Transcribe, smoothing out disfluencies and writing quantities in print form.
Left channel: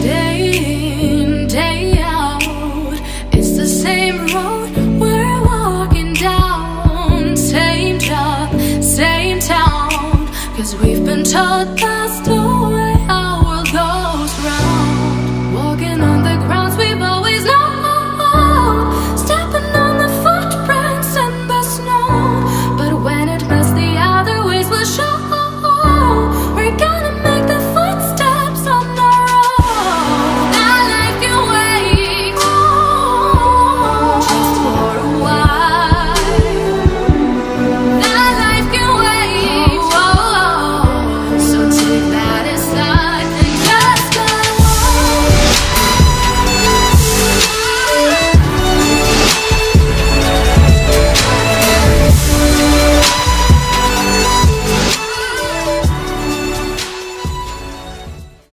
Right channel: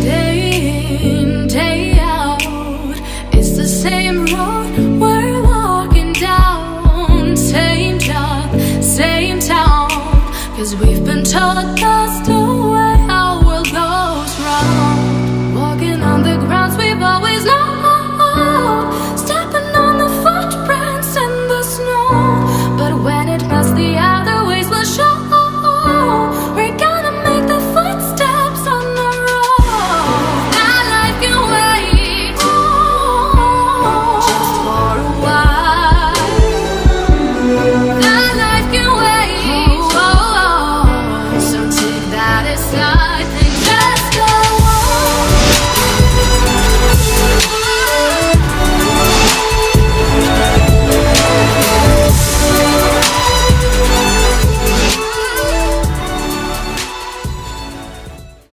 Day in, day out, it's the same road we're walking down. Same job, same town, 'cause we've been told that's the way our world goes round. Walking on the grounds we've always known, stepping on the footprints in the snow. But when it melts, the other ways will show.